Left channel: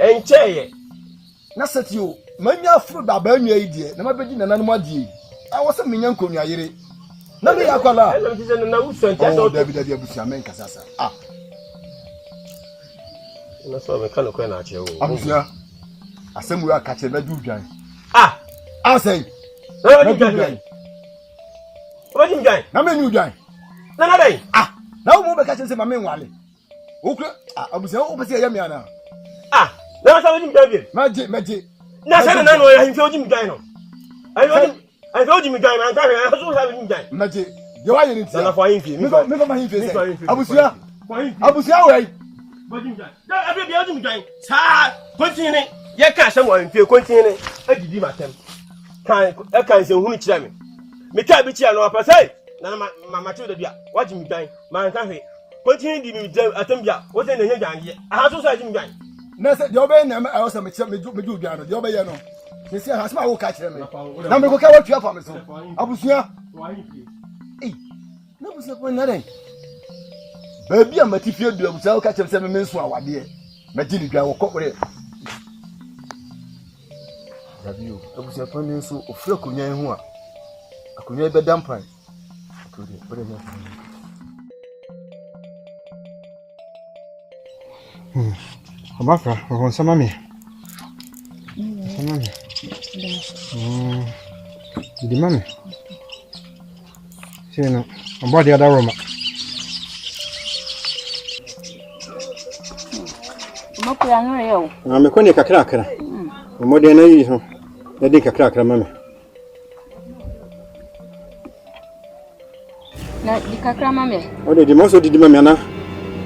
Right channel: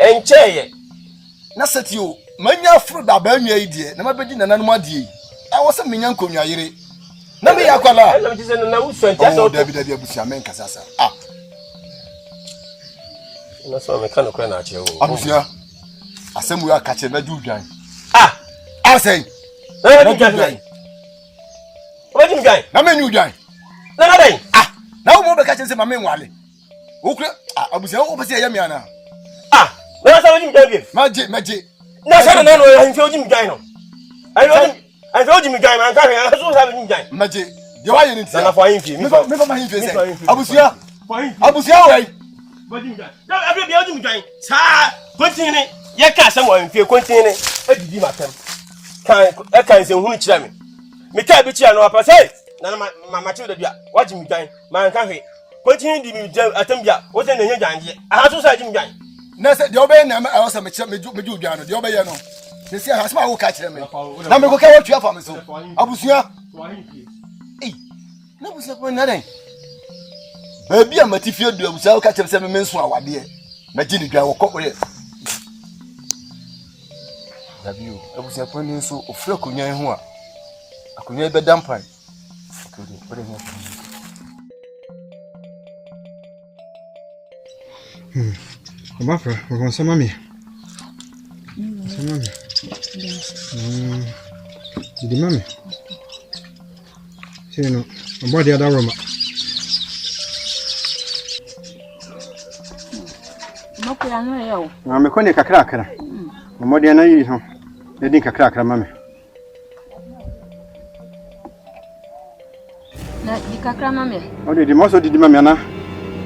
enche na setio manya fru da ba nwa yi de na mabedi nananum ade a wo se menya nkonwa yire na me yakwala na me se na wusu enti asa David abusia men kasa sa na so me kan ko na ache wo abusia asemu ya kache na du dwan say na du dwan o di dwan na me nyu dwan na dai na wo mo be kache se ma me nwale wo kura abusia wo be se ya me ana na sa wodi dwan bi maje na sa na no ya nfi odi dwan no ai odi dwan man ka he so sa wodi dwan maje de wa ye ni tia na fa yin fi me fa ma yin fi se abusia we bodi dwan da abia bia odi dwan sa kontine ye ka asem wa mfie kontine adidi matem kan se hunu kira me ka bi kira no apa sai na ma ti da bia waji mi dwan man ka he kontine di mi atem bia o se na nya dwan de aha so sa ji mi dwan na se de obey na ma se me ju dwan no de obey no se si ha ma wo ka kira me na me ko ka wo tua fa me so abusia na busia ko na den ba bia matifie du abusia wo ka kira se me nso awade ma ji ni dwan wo kokore David, abusia ko ni nso ofre konyan ho a akonya be dampan Abafra, on sama me. Sama me. Di mame. Sino, abodi ada Roma. Mokura no yo. Me ko ne kakra kakra. Omodi na yi ho. Na din kakra kakra mame. Na di kakra mame. O de mo so di mame na.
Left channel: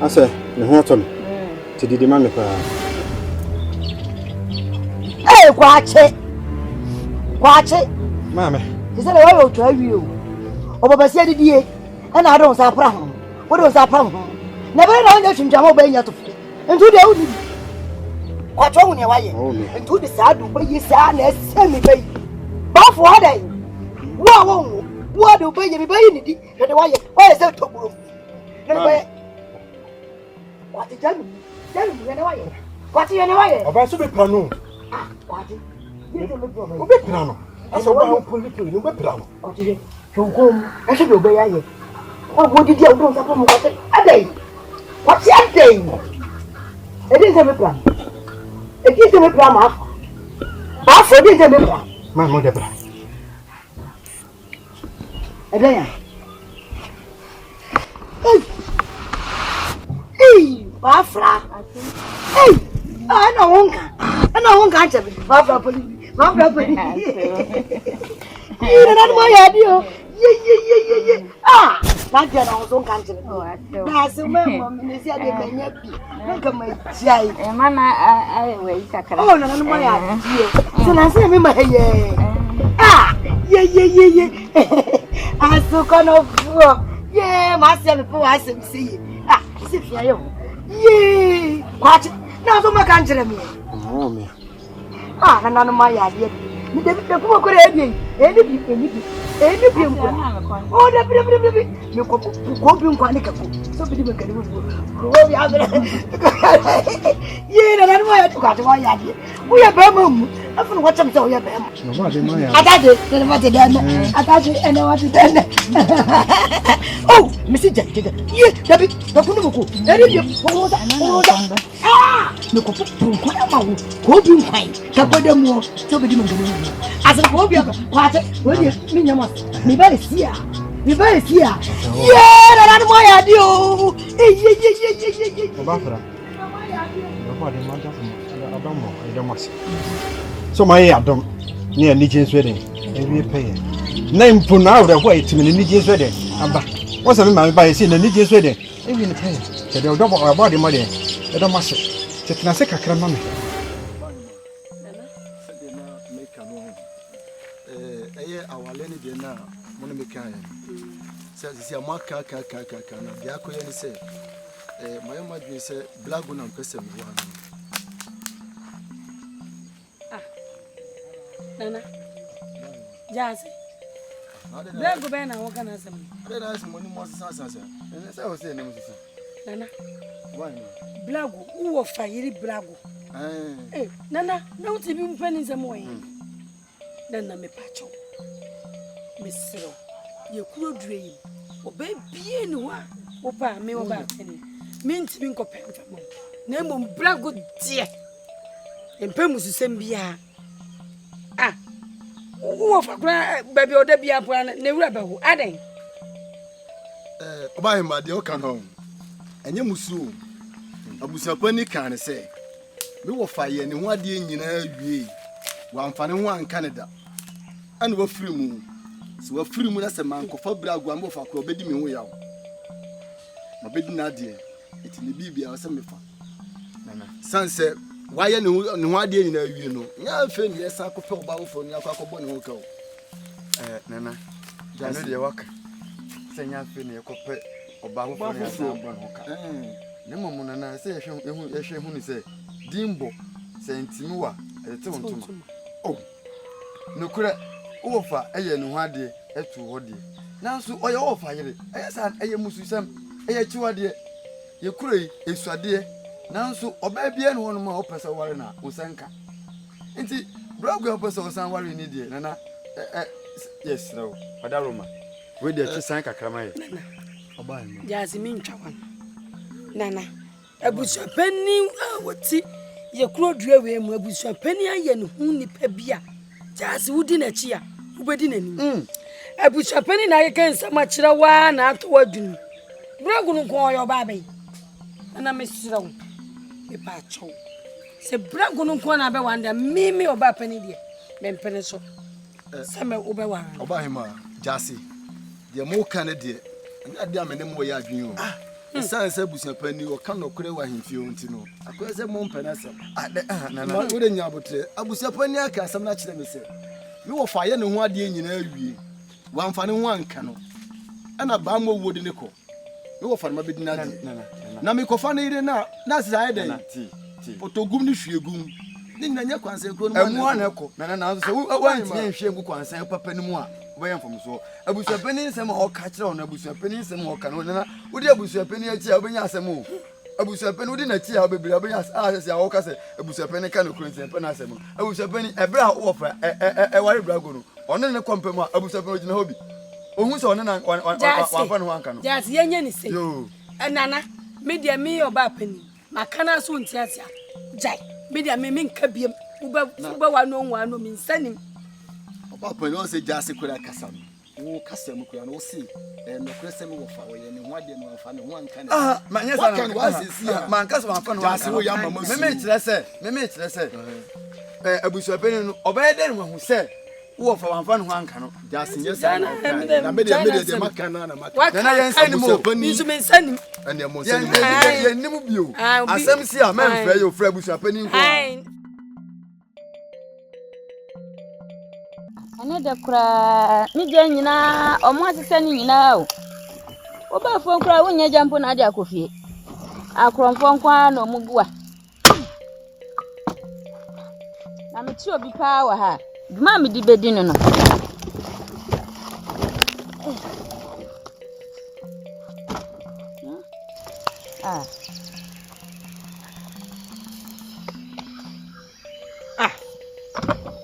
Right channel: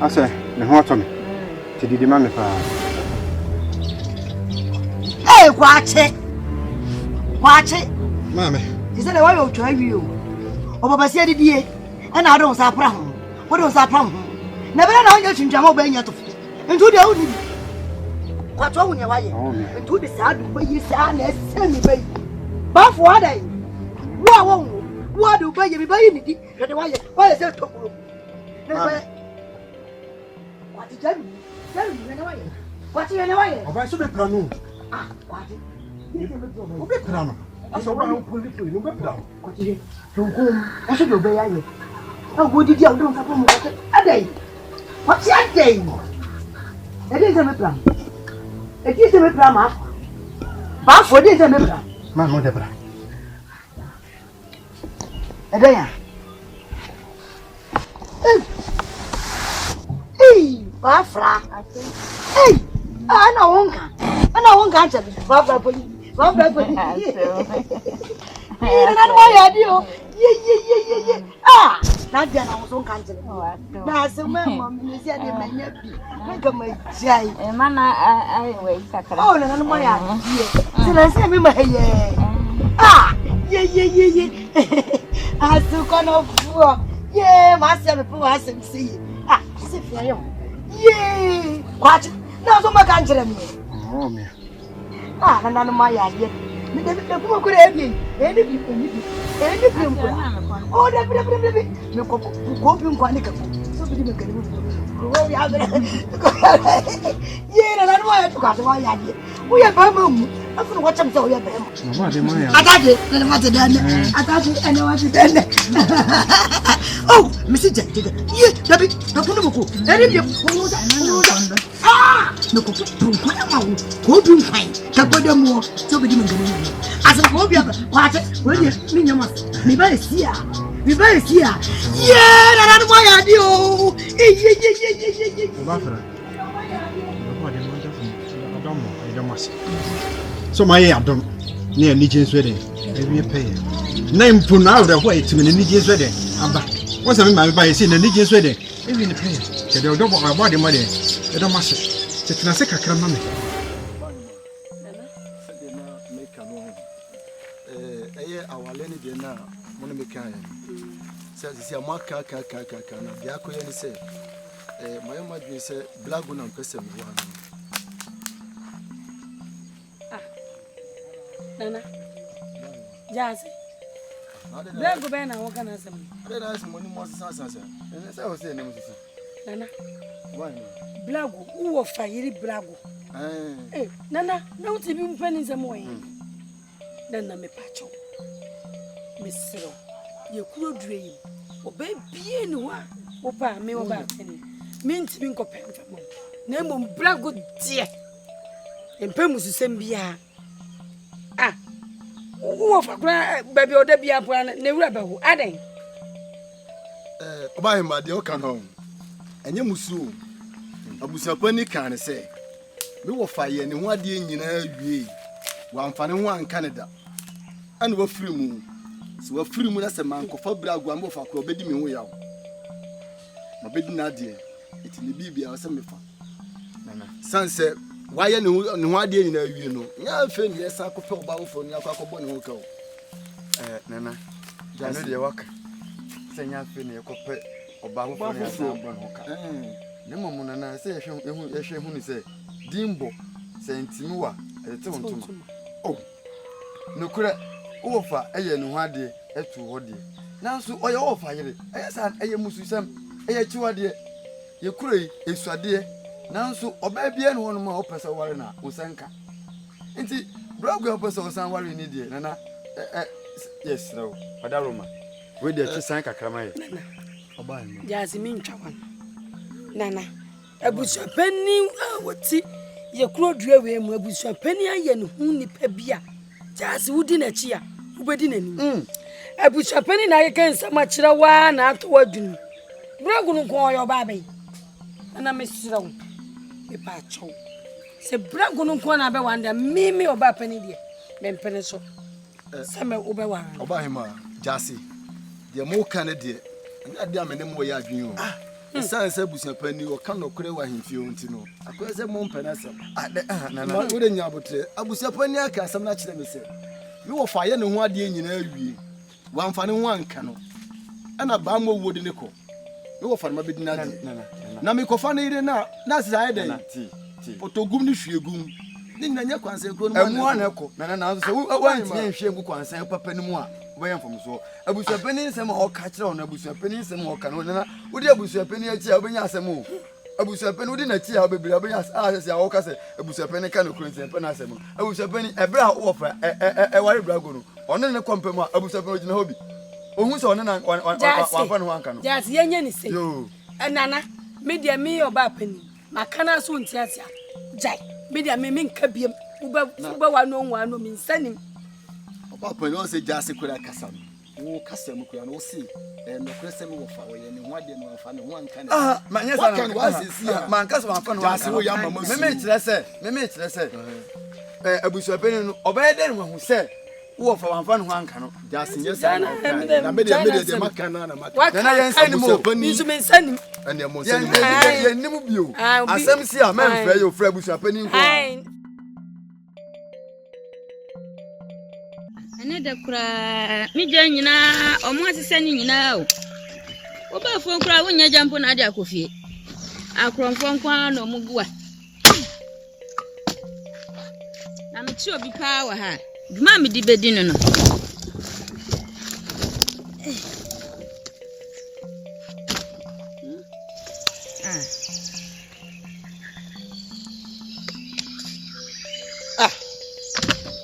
Ase, ne ho ato me. Ti di mame pa. Kwache. Mame. Is that why you try you? Oba sia didie. And I don't say pra ho. What do say pra ho? Na be na nya chinjamo be nya to. Ntu dia udi. Kwacho hu ne waye. Ntu di sa du be yi sa na semi be. Ba fo adai. Wo do be yi be yi ni di. Na de waye. Waye se to buru. Na be. Kwati jami. Jami ne waye. Kwati ne waye. Oba so be planu. Kwati. O be planu. Aso ba ho political no be planu. Kwati. Jonkom. E se do be yaye. Agwo didi a wo don sa po mo kwati. Adai. Kwati adai. E dey se me plan. E dey se me plan ma. Ba fo dey se me plan. Man mo debra. E dey ya. Ba fra. Ana wonka chabi. Ba fra poli. Na mo ya dio. Ye. Na dia na so kan chabi. Na se me mo me se ade menya bi. Na ka ma jai. Mana ai we kakra. Oh na mo ya die. Se na se me ma ye. Ye. Aso kono fu. Ye, ma se me po asem si. Se fia yo. Ye, kwachi. Na so ma kan chere me. Oh me. Na ma ya die. Mi de ko ko re bi. Eni bi mpo. Oh, da bi. Mi ko bi mpo ani ka ko. So bi me kan mo. Ko bi abere. Ye, na ma ya to ka to ya die. Wo ya ba ma mu. Afu no cham so ya ba ma. Atade, ne ma te dan. Atade, ene wa te dan. Oh, Mr. Jack. Ye, da bi, da ko no ko. Eni bi ko da. No ko ko ma wo. Ko bi nkai. Ka ko de mu. So bi di me kan mo. Asa ko bi aba. Kwate, we di mi nyama. Mi ba sia. Yeah, na mo ya di o. Ye. Abafra. So my Adam near Nijin's wedding. Maybe pay. Name for now the way to the Nijin's wedding. What's a man by seeing the Nijin's wedding? Even the pay. They'll double our body money. They don't must it. Can I say a cramming? Our Lenny dinner, Monica says, "See a mark, Biaco, and say, my own mother said, Black one and person one." Nana, Jazzy. Black go ben and walk on us. Let us money more sense, and as I was saying, Nana. Why? Blago, who of fire blago? Eh, Nana, no to be pennies a more. Nana me pacho. Miss Cyril, you could dream. Obey bien one. Opa, me over penny. Mean to be compared from name on blago dear. And Pemus is Sembia. Ah, who of a grand baby or Debbie up one, ne rebel, adding. Oba him ade o kan hon. Enye musu. Abusuapani kan say. Me wo fa ye ne ho ade nyina awie. Wa amfane ho an Canada. Ane wo firi mu. So wo firi mu na se man ko fa bra agwa mo fa ko obedi me ho yawo. Ma bedi na ade. Eti ne bibia wo se me fa. Nana. Sanse wa ye ne ho ade nyina awie no. Nya fe ne sa ko pe oba wo fo ni akwa ne ho ka o. Nana. Jano de waka. Senya fe ne ekope oba ho fo ne asa bon ho ka. Ne momu nana se ehwe hu ni se dimbo se ntimi wa ete wontuma. Oh. Nokura wo fa eye ne ho ade etu ho de. Nanso oye wo fa yire. Eye sa eye mususam eye chiwade. Ye kura yi esuade. Nanso oba bia ne hono ma opesa ware na osanka. Nti bragu opesa osan ware ni de nana yes no. Padaroma. We dey chisan kakrama ye. Oba him. Jasmine Chawan. Nana. Abusuapani woti ye kuro dua we mu abusuapani aye ne hu nipa bia. Jasi wudi na chi a, ubedi na ni. Abusuapani na ye kan sama kira wa na ato wadunu. Bragu no ko yo ba bai. Ana mesira wo. E pa cho. Se bragu no ko na be wanda mimi oba pani de. Mempene so. Sama oba wa. Oba him Jasi. De mo kan de. Ade amene mo ya adwen o. Sanse busuapani o kan no kure wa himfie onti no. Akwese mo mpena sam. Nana. Wo de nya abotre. Abusuapani aka asam na kire me se. Me wo fa ye ne ho ade nyina awie. Wa mfa ne ho anka no. Ana ba mo wodi ne ko. Me wo fa ma bedi na de. Na me ko fa ne ire na sa ide. Potogum ni hwiegum. Ni nanya kwanse ko no. Emu ana ko. Nana so wa ntie hwie ngu kwanse papa ni mu a. Boyan from so abusuapani nsem ho ka kire on abusuapani nsem ho ka no na wodi abusuapani achi a obenya asem o abusuapani wodi na chi a obebiri obenya asese a wo ka se abusuapani ka no kronse pe na asem abusuapani ebra wo fa ware brago no ono ne kompem a abusuapani ogina hobi ohun se ono na wa fa no anka no Jasi yenye ni se yo nana media me oba pani makana so ntiatia jai media me nka biem uba wa no mi nsanim. Papa no say Jasi kura kasa no. Wo kasa mu kura no wo si no kura se me wo fa wo ye ne ho ade no fa ne ho anka ne. Manya sa no wasisi man kasa man fa no Jasi wo ya mama su. Me kire se abusuapani no obey den wo hu se wo fa man fa no anka no Jasi nyesa na me de makana na makana. Na yen sani mo Bisu men sani. Ande mo sani. Yen nimu bio. Asem si a man fra yo fra abusuapani nko. Ane da kura mi je nyina omo asese ni nyina o. Oba fon kura wonya jampo na ade akofie. Akronfon kwa na omugua. Na me ti obi pa wa ha. Duma me di bedi no no.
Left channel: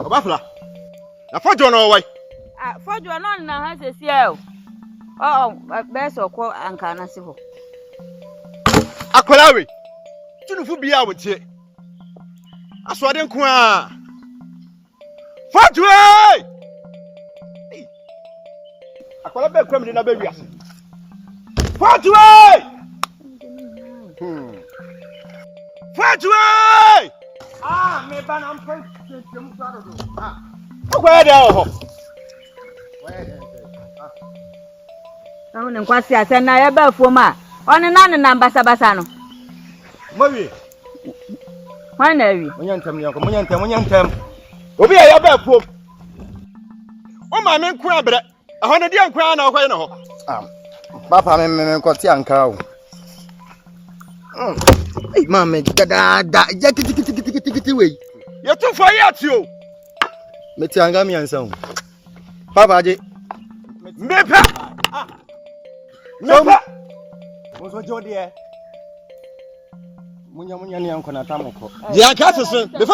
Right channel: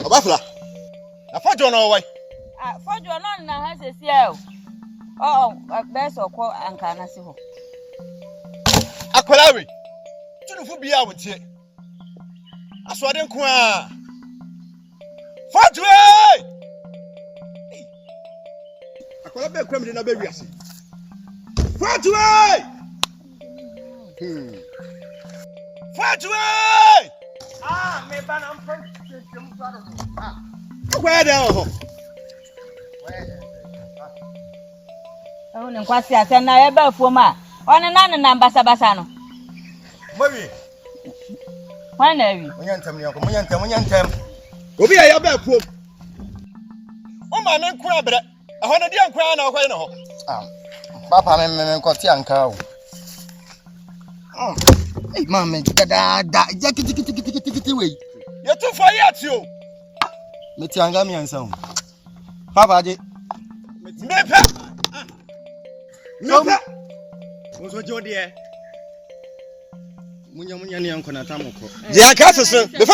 Obafla. Na fojo no wai. Fojo no na ha sesie o. Oh, be so ko anka na si ho. Akwalawe. Tunufu bia wotie. Aswade nko a. Fojo! Akwala be kwam de na be wiase. Fojo! Fojo! Me ba na mpen temu faro. Kwa da ho. Awu ne kwasi ase na ya ba fuom a. One na basa no. Mawi. Wana wi. Munyantem. Obi a ya ba fuom. O ma me nko abre. Aho na dia nko na okoye na ho. Papa me ko ti anka o. Mama da ja tiki we. You too for yet you. Meti anga mi ansa o. Papa aje. Mepa. Mepa. Wo so jode e. munya ne yankɔ na tamokɔ Dia ka so